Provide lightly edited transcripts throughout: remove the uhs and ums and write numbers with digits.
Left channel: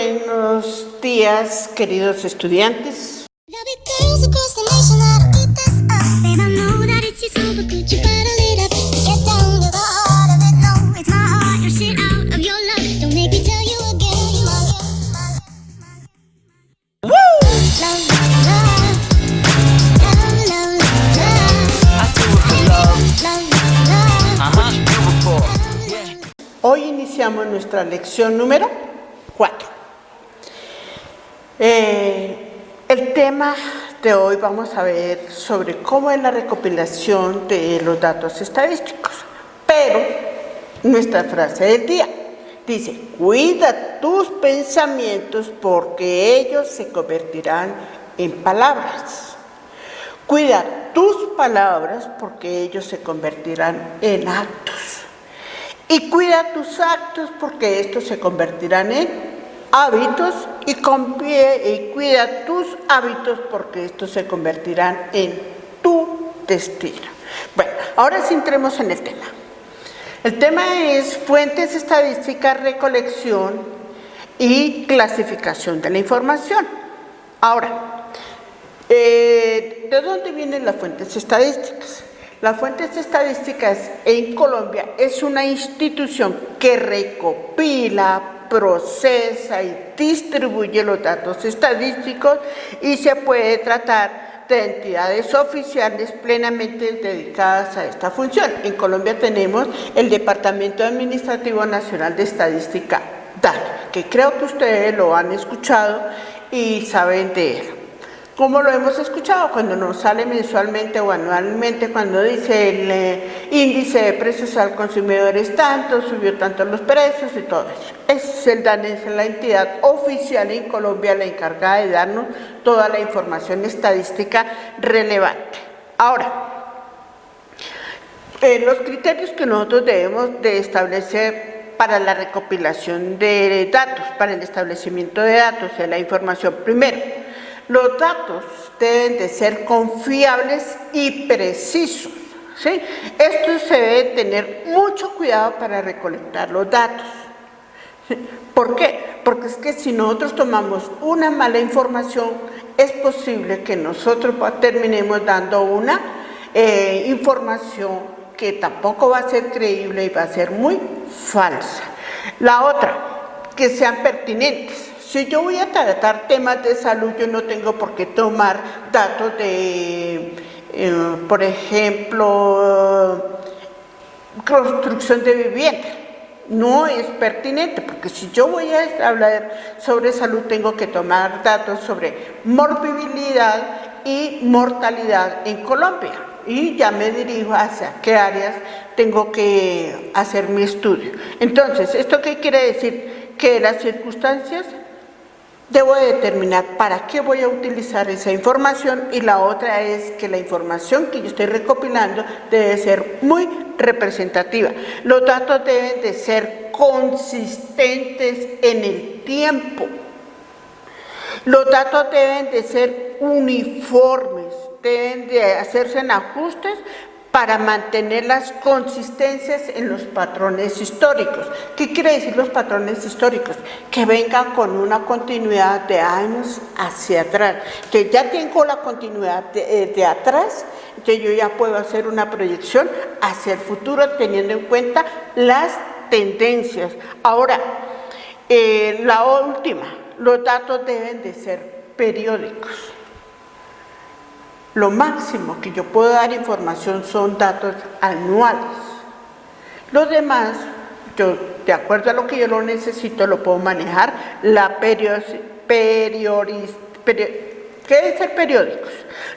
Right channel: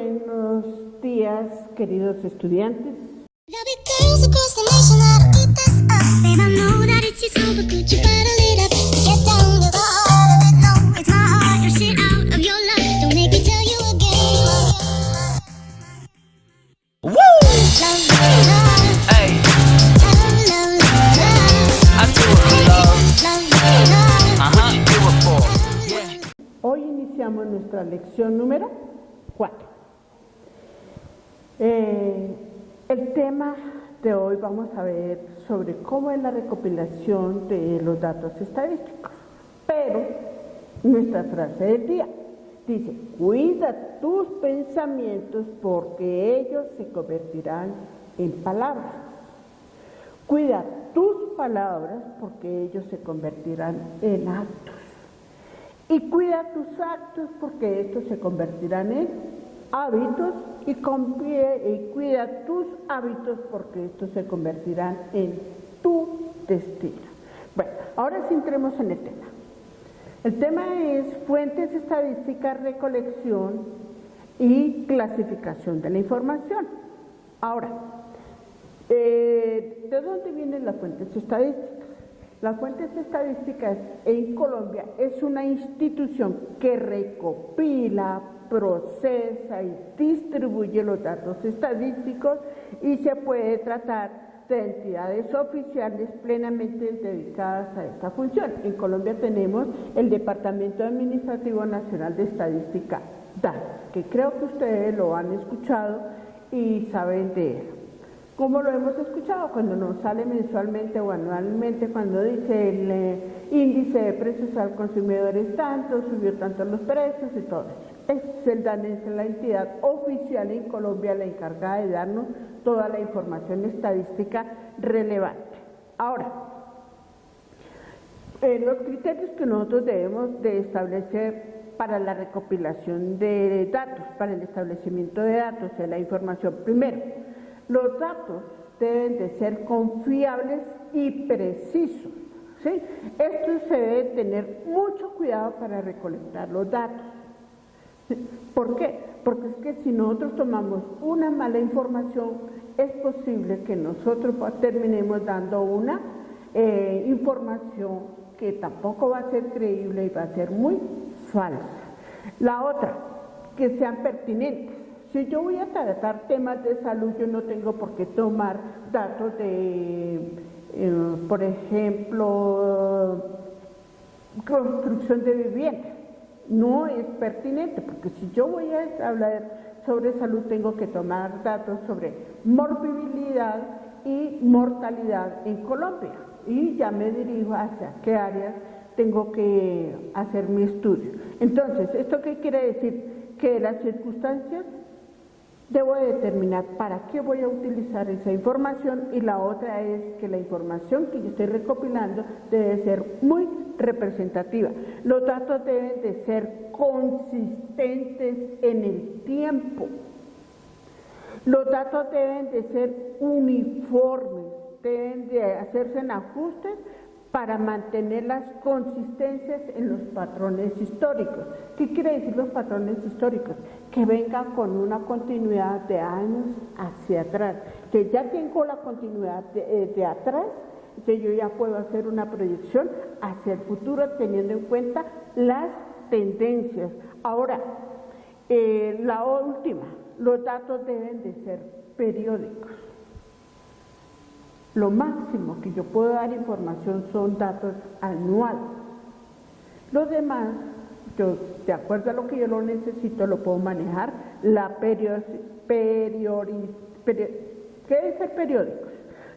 buenos días, queridos estudiantes. Hoy iniciamos nuestra lección número 4. El tema de hoy vamos a ver sobre cómo es la recopilación de los datos estadísticos. Pero nuestra frase del día dice: cuida tus pensamientos porque ellos se convertirán en palabras. Cuida tus palabras porque ellos se convertirán en actos. Y cuida tus actos porque estos se convertirán en hábitos y cuida tus hábitos porque estos se convertirán en tu destino. Bueno, ahora sí entremos en el tema. El tema es fuentes estadísticas, recolección y clasificación de la información. Ahora, ¿de dónde vienen las fuentes estadísticas? Las fuentes estadísticas en Colombia es una institución que recopila, procesa y distribuye los datos estadísticos y se puede tratar de entidades oficiales plenamente dedicadas a esta función. En Colombia tenemos el Departamento Administrativo Nacional de Estadística, DANE, que creo que ustedes lo han escuchado y saben de él. ¿Cómo lo hemos escuchado? Cuando nos sale mensualmente o anualmente, cuando dice el índice de precios al consumidor es tanto, subió tanto los precios y todo eso. Es el DANE, es la entidad oficial en Colombia la encargada de darnos toda la información estadística relevante. Ahora, los criterios que nosotros debemos de establecer para la recopilación de datos, para el establecimiento de datos de la información. Primero, los datos deben de ser confiables y precisos, ¿sí? Esto se debe tener mucho cuidado para recolectar los datos. ¿Por qué? Porque es que si nosotros tomamos una mala información, es posible que nosotros terminemos dando una información que tampoco va a ser creíble y va a ser muy falsa. La otra, que sean pertinentes. Si yo voy a tratar temas de salud, yo no tengo por qué tomar datos de, por ejemplo, construcción de vivienda. No es pertinente, porque si yo voy a hablar sobre salud, tengo que tomar datos sobre morbilidad y mortalidad en Colombia. Y ya me dirijo hacia qué áreas tengo que hacer mi estudio. Entonces, ¿esto qué quiere decir? Que las circunstancias debo determinar para qué voy a utilizar esa información, y la otra es que la información que yo estoy recopilando debe ser muy representativa. Los datos deben de ser consistentes en el tiempo. Los datos deben de ser uniformes, deben de hacerse en ajustes para mantener las consistencias en los patrones históricos. ¿Qué quiere decir los patrones históricos? Que vengan con una continuidad de años hacia atrás. Que ya tengo la continuidad de atrás, que yo ya puedo hacer una proyección hacia el futuro teniendo en cuenta las tendencias. Ahora, la última, los datos deben de ser periódicos. Lo máximo que yo puedo dar información son datos anuales. Los demás, yo, de acuerdo a lo que yo lo necesito, lo puedo manejar. ¿Qué deben ser periódicos?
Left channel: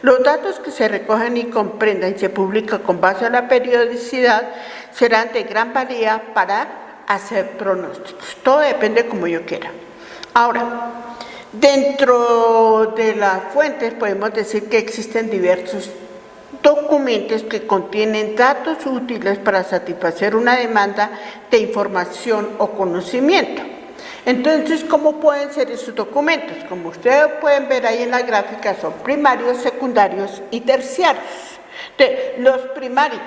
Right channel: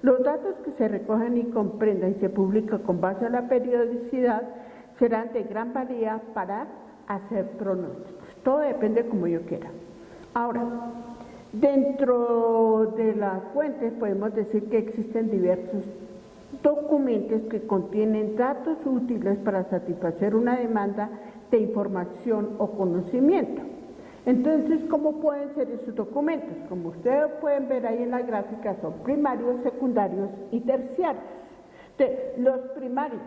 Los datos que se recogen y comprendan y se publican con base a la periodicidad serán de gran valía para hacer pronósticos. Todo depende como yo quiera. Ahora, dentro de las fuentes podemos decir que existen diversos documentos que contienen datos útiles para satisfacer una demanda de información o conocimiento. Entonces, ¿cómo pueden ser esos documentos? Como ustedes pueden ver ahí en la gráfica, son primarios, secundarios y terciarios. Los primarios,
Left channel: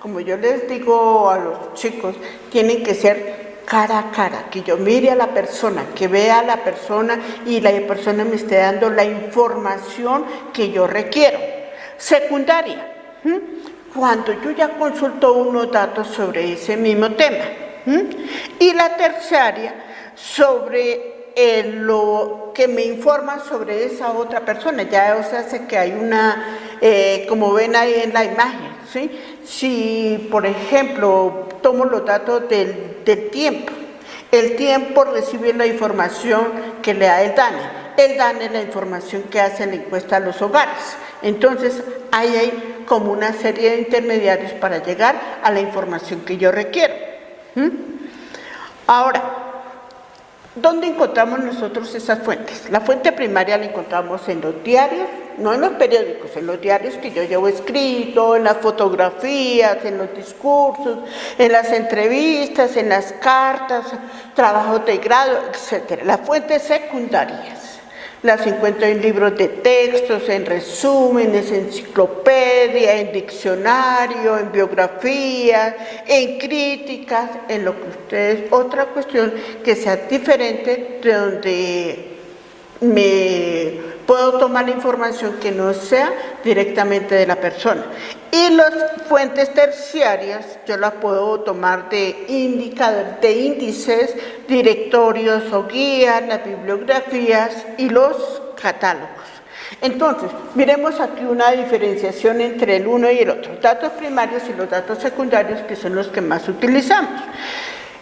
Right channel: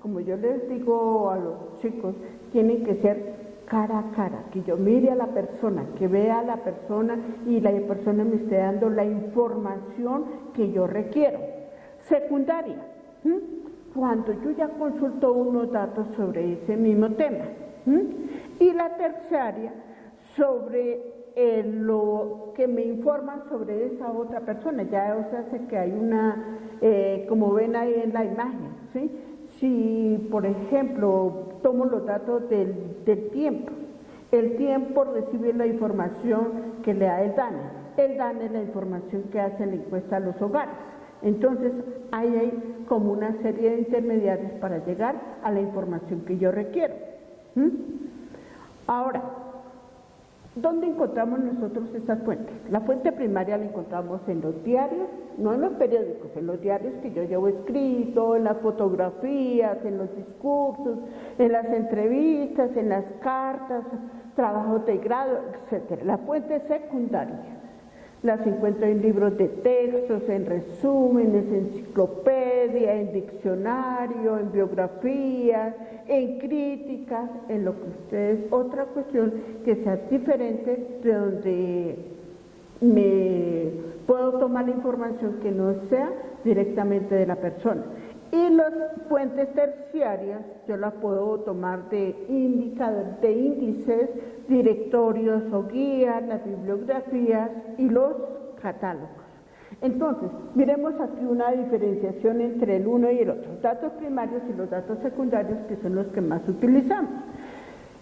como yo les digo a los chicos, tienen que ser cara a cara, que yo mire a la persona, que vea a la persona y la persona me esté dando la información que yo requiero. Secundaria, cuando yo ya consulto unos datos sobre ese mismo tema. Y la terciaria, sobre lo que me informa sobre esa otra persona. Ya, o sea, hace que hay una, como ven ahí en la imagen, ¿sí? Si, por ejemplo, tomo los datos del tiempo, el tiempo recibe la información que le da el DANE es la información que hace la encuesta a los hogares. Entonces, ahí hay como una serie de intermediarios para llegar a la información que yo requiero. Ahora, ¿dónde encontramos nosotros esas fuentes? La fuente primaria la encontramos en los diarios, no en los periódicos, en los diarios que yo llevo escrito, en las fotografías, en los discursos, en las entrevistas, en las cartas, trabajos de grado, etc. Las fuentes secundarias las encuentro en libros de textos, en resúmenes, en enciclopedia, en diccionario, en biografías, en críticas, en lo que ustedes, otra cuestión que sea diferente, de donde me puedo tomar la información que no sea directamente de la persona. Y las fuentes terciarias yo las puedo tomar de indicadores, de índices, directorios o guías, las bibliografías y los catálogos. Entonces, miremos aquí una diferenciación entre el uno y el otro, datos primarios y los datos secundarios, que son los que más utilizamos.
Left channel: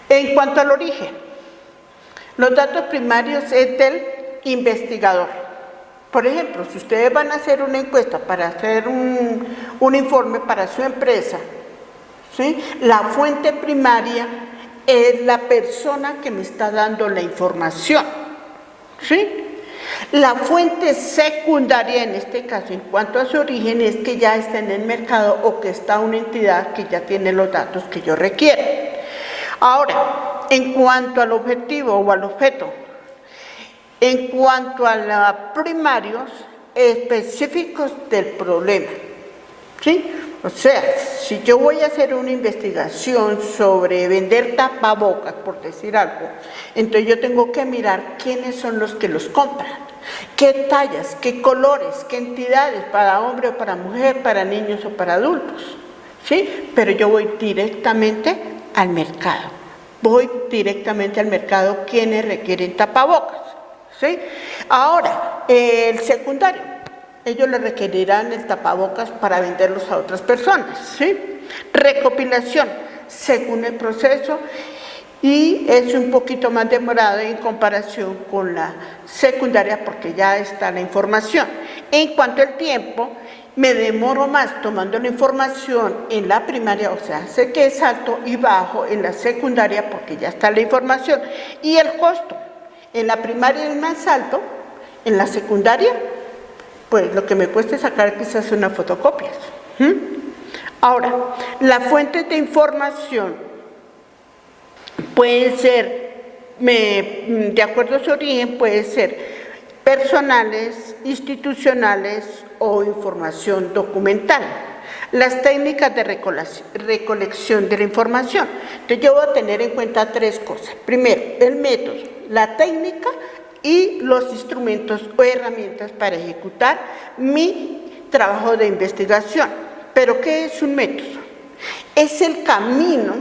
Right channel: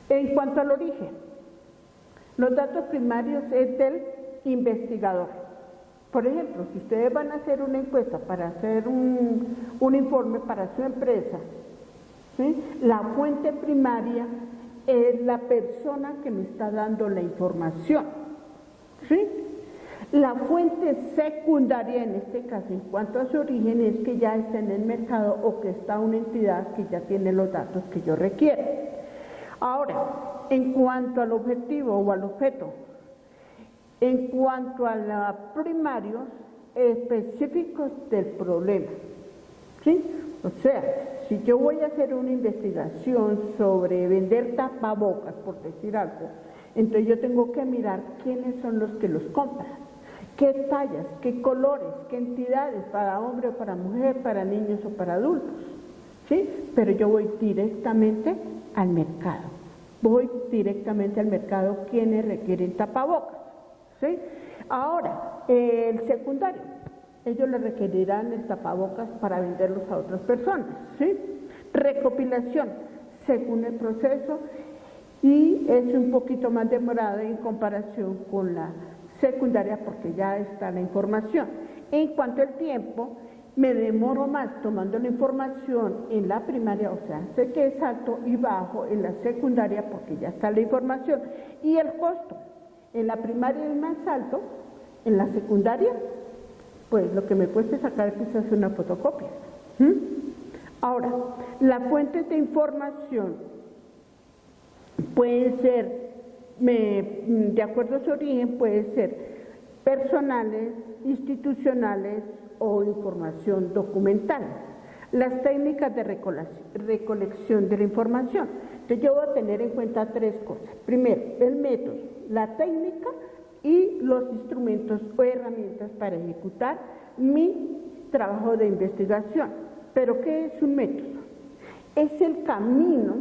En cuanto al origen, los datos primarios es del investigador. Por ejemplo, si ustedes van a hacer una encuesta para hacer un informe para su empresa, ¿sí? La fuente primaria es la persona que me está dando la información, ¿sí? La fuente secundaria, en este caso, en cuanto a su origen, es que ya está en el mercado o que está una entidad que ya tiene los datos que yo requiero. Ahora, en cuanto al objetivo o al objeto, en cuanto a los primarios específicos del problema, ¿sí? O sea, si yo voy a hacer una investigación sobre vender tapabocas, por decir algo, entonces yo tengo que mirar quiénes son los que los compran, qué tallas, qué colores, qué entidades, para hombre o para mujer, para niños o para adultos, ¿sí? Pero yo voy directamente al mercado, quienes requieren tapabocas. ¿Sí? Ahora, el secundario, ellos le requerirán el tapabocas para venderlos a otras personas, ¿sí? Recopilación, según el proceso, y es un poquito más demorado en comparación con la secundaria porque ya está la información. En cuanto al tiempo, me demoro más tomando la información en la primaria, o sea, sé que es alto y bajo en la secundaria porque ya está la información. Y el costo. En la primaria es más alto, en la secundaria, pues lo que me cuesta es sacar quizás unas fotocopias. Ahora, las fuentes de información pueden ser, de acuerdo a su origen, pueden ser personales, institucionales o información documental. Las técnicas de recolección de la información. Entonces yo voy a tener en cuenta tres cosas. Primero, el método, la técnica y los instrumentos o herramientas para ejecutar mi trabajo de investigación. ¿Pero qué es un método? Es el camino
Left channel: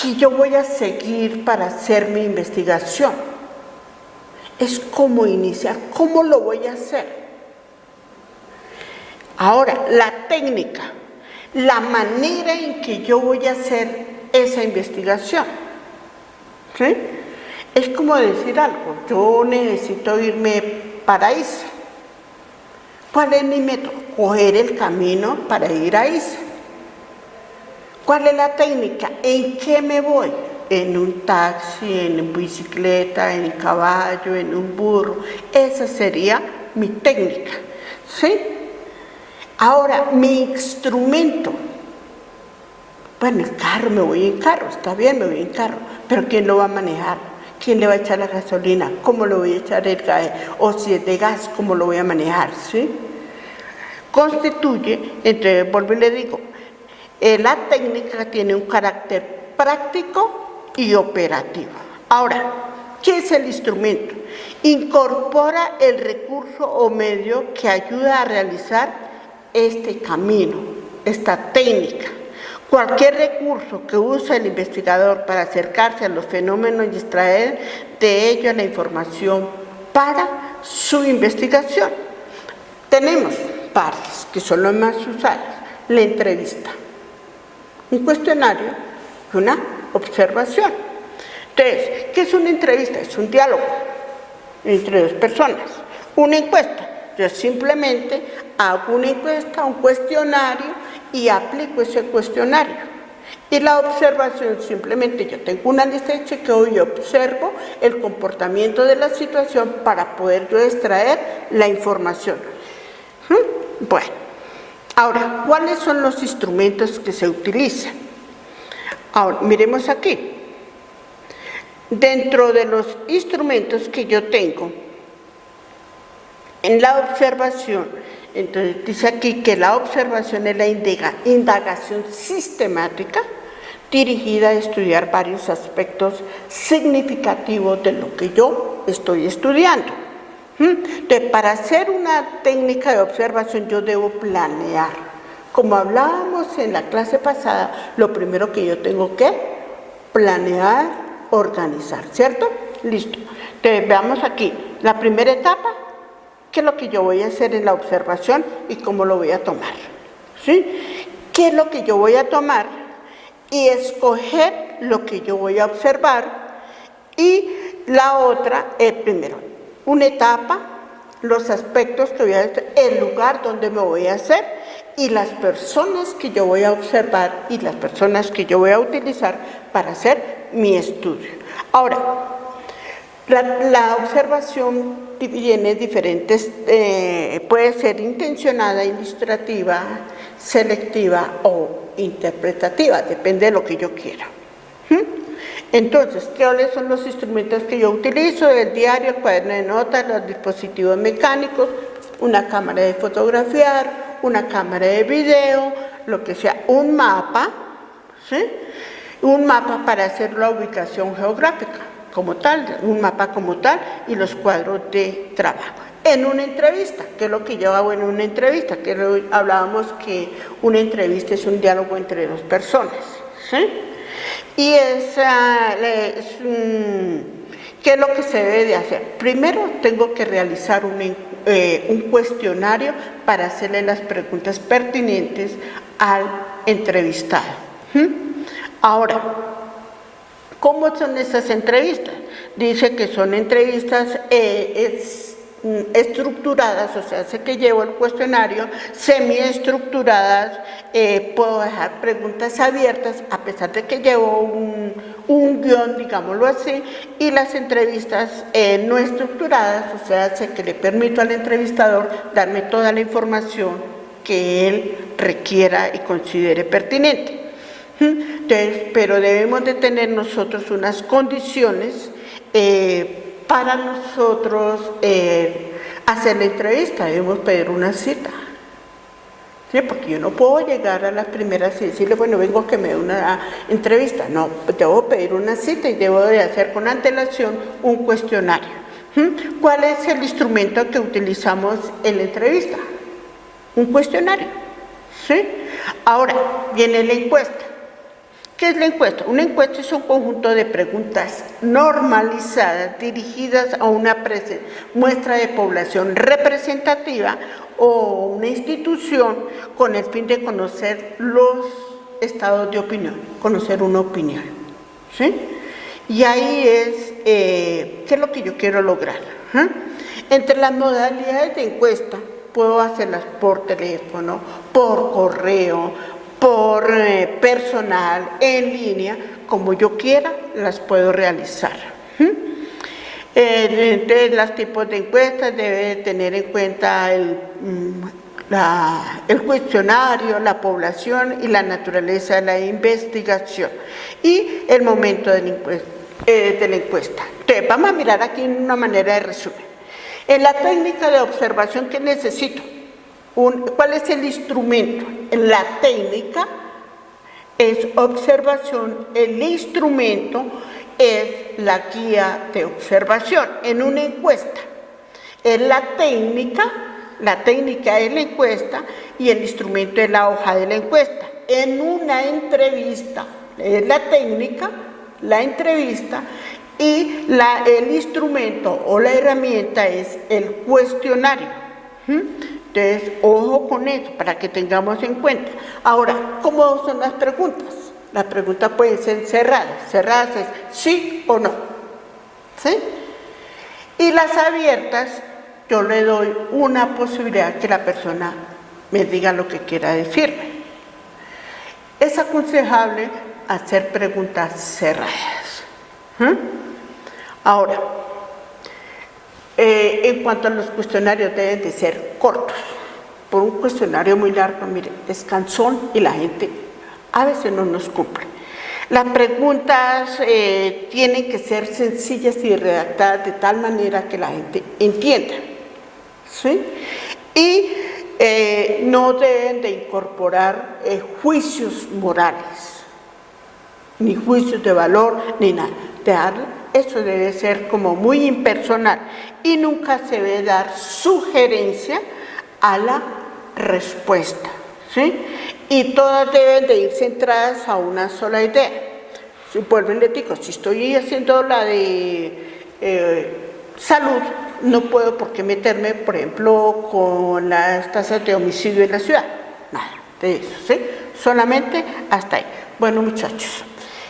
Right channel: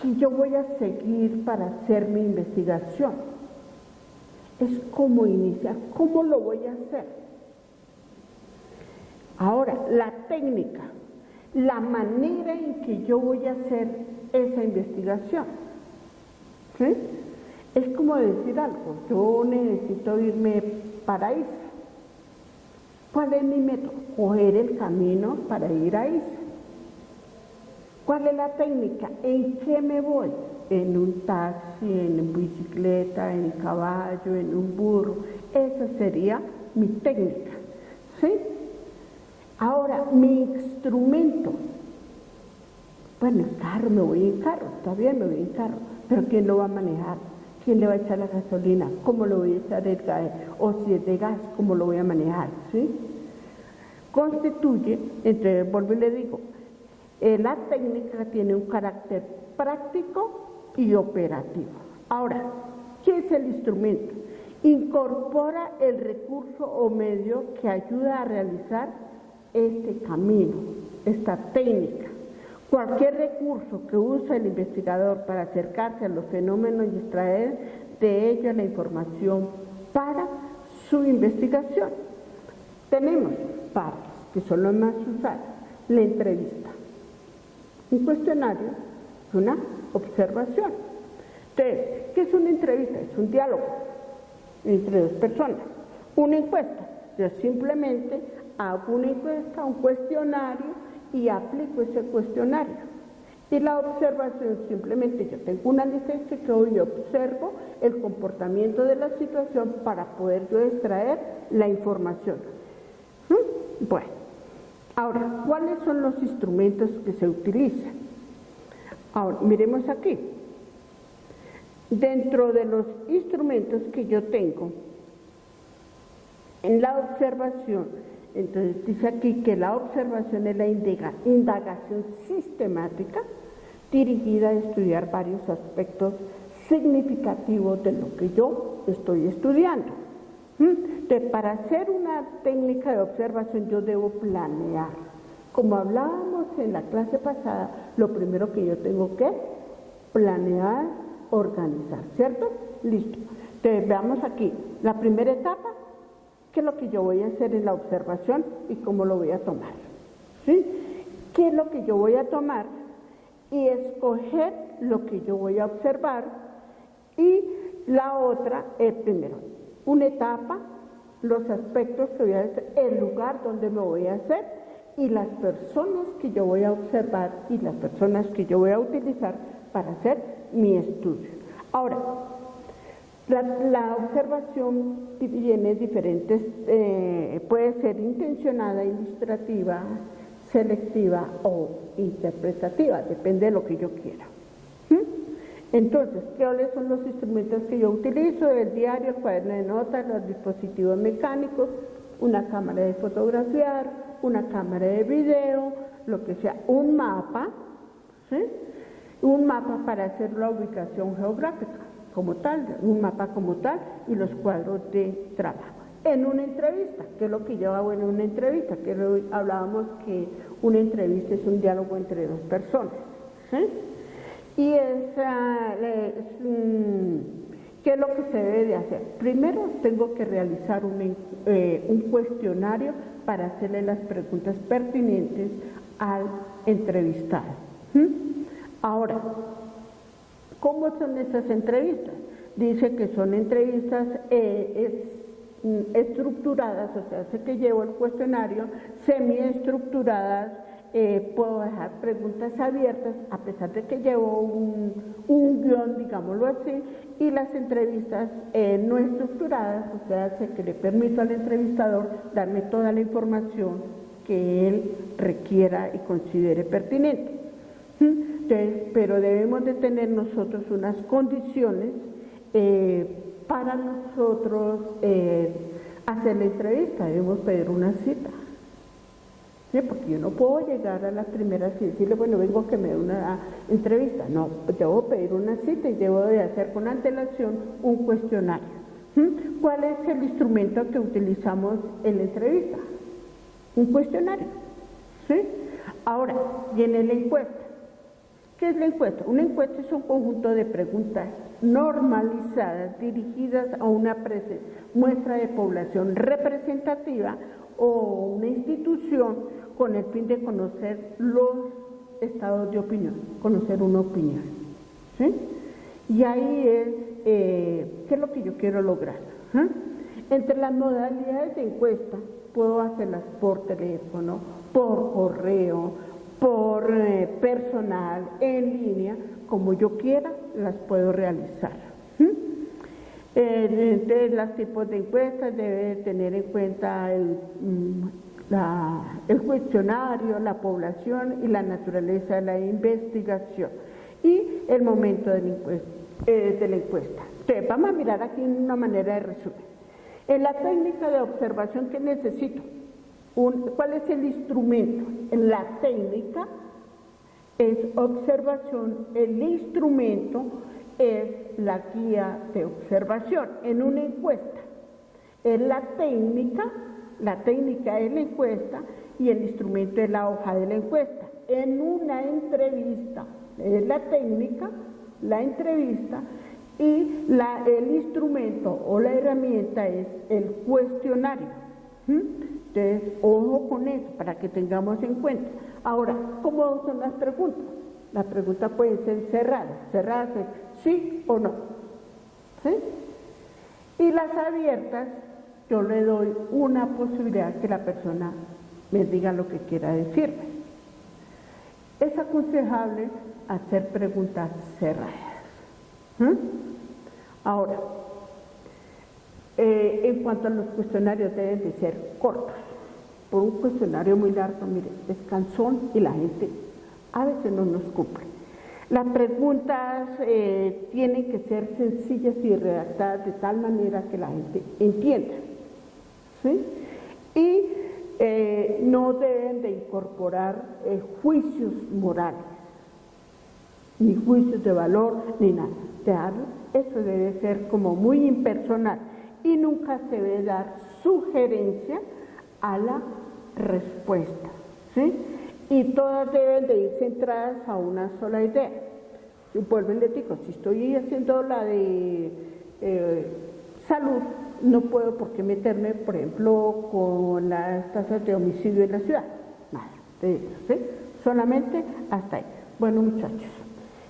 que yo voy a seguir para hacer mi investigación. Es cómo iniciar, cómo lo voy a hacer. Ahora, la técnica, la manera en que yo voy a hacer esa investigación, ¿sí? Es como decir algo, yo necesito irme para ISA. ¿Cuál es mi método? Coger el camino para ir a ISA. ¿Cuál es la técnica? ¿En qué me voy? En un taxi, en bicicleta, en caballo, en un burro. Esa sería mi técnica, ¿sí? Ahora, mi instrumento. Bueno, el carro, me voy en carro, está bien, me voy en carro, pero ¿quién lo va a manejar? ¿Quién le va a echar la gasolina? ¿Cómo lo voy a echar el gas? O si es de gas, ¿cómo lo voy a manejar? ¿Sí? Constituye, entonces vuelvo y le digo, la técnica tiene un carácter práctico y operativo. Ahora, ¿qué es el instrumento? Incorpora el recurso o medio que ayuda a realizar este camino, esta técnica. Cualquier recurso que use el investigador para acercarse a los fenómenos y extraer de ellos la información para su investigación. Tenemos varios que son los más usados. La entrevista, un cuestionario y una observación. Entonces, ¿qué es una entrevista? Es un diálogo entre dos personas. Una encuesta, yo simplemente hago una encuesta, un cuestionario y aplico ese cuestionario. Y la observación, simplemente yo tengo una lista de chequeo y observo el comportamiento de la situación para poder yo extraer la información. Bueno, ahora, ¿cuáles son los instrumentos que se utilizan? Ahora, miremos aquí. Dentro de los instrumentos que yo tengo, en la observación, entonces dice aquí que la observación es la indagación sistemática dirigida a estudiar varios aspectos significativos de lo que yo estoy estudiando. Entonces, para hacer una técnica de observación yo debo planear. Como hablábamos en la clase pasada, lo primero que yo tengo que planear, organizar, ¿cierto? Listo. Entonces, veamos aquí, la primera etapa, ¿qué es lo que yo voy a hacer en la observación y cómo lo voy a tomar? ¿Sí? ¿Qué es lo que yo voy a tomar? Y escoger lo que yo voy a observar. Y la otra es primero, una etapa, los aspectos que voy a hacer, el lugar donde me voy a hacer y las personas que yo voy a observar y las personas que yo voy a utilizar para hacer mi estudio. Ahora, la observación tiene diferentes, puede ser intencionada, ilustrativa, selectiva o interpretativa, depende de lo que yo quiera. Entonces, ¿cuáles son los instrumentos que yo utilizo? El diario, el cuaderno de notas, los dispositivos mecánicos, una cámara de fotografiar, una cámara de video, lo que sea, un mapa, ¿sí? Un mapa para hacer la ubicación geográfica como tal, un mapa como tal y los cuadros de trabajo. En una entrevista, ¿qué es lo que yo hago en una entrevista? Que hablábamos que una entrevista es un diálogo entre dos personas, ¿sí? Y ¿qué es lo que se debe de hacer? Primero tengo que realizar un cuestionario para hacerle las preguntas pertinentes al entrevistado. Ahora, ¿cómo son esas entrevistas? Dice que son entrevistas estructuradas, o sea, sé que llevo el cuestionario, semiestructuradas, puedo dejar preguntas abiertas, a pesar de que llevo un guión, digámoslo así, y las entrevistas no estructuradas, o sea, sé que le permito al entrevistador darme toda la información que él requiera y considere pertinente. Entonces, pero debemos de tener nosotros unas condiciones para nosotros hacer la entrevista. Debemos pedir una cita, ¿sí? Porque yo no puedo llegar a la primera cita y decirle, bueno, vengo a que me dé una entrevista. No, debo pedir una cita y debo de hacer con antelación un cuestionario. ¿Cuál es el instrumento que utilizamos en la entrevista? Un cuestionario, ¿sí? Ahora, viene la encuesta. ¿Qué es la encuesta? Una encuesta es un conjunto de preguntas normalizadas dirigidas a una muestra de población representativa o una institución con el fin de conocer los estados de opinión, conocer una opinión, ¿sí? Y ahí es, ¿qué es lo que yo quiero lograr? Entre las modalidades de encuesta, puedo hacerlas por teléfono, por correo, por personal, en línea, como yo quiera, las puedo realizar. Entonces, los tipos de encuestas debe tener en cuenta el cuestionario, la población y la naturaleza de la investigación y el momento de la encuesta. Entonces, vamos a mirar aquí una manera de resumen. En la técnica de observación, ¿qué necesito? ¿Cuál es el instrumento? En la técnica es observación, el instrumento es la guía de observación en una encuesta. Es la técnica es la encuesta y el instrumento es la hoja de la encuesta. En una entrevista es la técnica, la entrevista, y el instrumento o la herramienta es el cuestionario. Entonces, ojo con eso, para que tengamos en cuenta. Ahora, ¿cómo son las preguntas? Las preguntas pueden ser cerradas. Cerradas es sí o no. ¿Sí? Y las abiertas, yo le doy una posibilidad que la persona me diga lo que quiera decirme. Es aconsejable hacer preguntas cerradas. Ahora, en cuanto a los cuestionarios, deben de ser cortos. Por un cuestionario muy largo, mire, es cansón y la gente a veces no nos cumple. Las preguntas tienen que ser sencillas y redactadas de tal manera que la gente entienda. ¿Sí? Y no deben de incorporar juicios morales, ni juicios de valor, ni nada. Eso debe ser como muy impersonal y nunca se debe dar sugerencia a la respuesta, ¿sí? Y todas deben de ir centradas a una sola idea. Si vuelvo y les digo, si estoy haciendo la de salud, no puedo por qué meterme, por ejemplo, con las tasas de homicidio en la ciudad. Nada de eso, ¿sí? Solamente hasta ahí. Bueno, muchachos,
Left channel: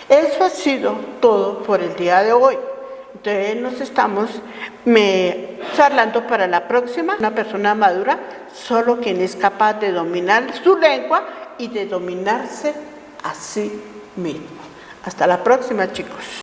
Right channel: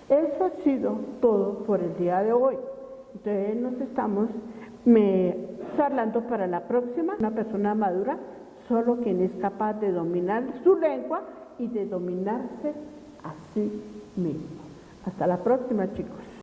eso ha sido todo por el día de hoy. Entonces nos estamos charlando para la próxima. Una persona madura, solo quien es capaz de dominar su lengua y de dominarse a sí mismo. Hasta la próxima, chicos.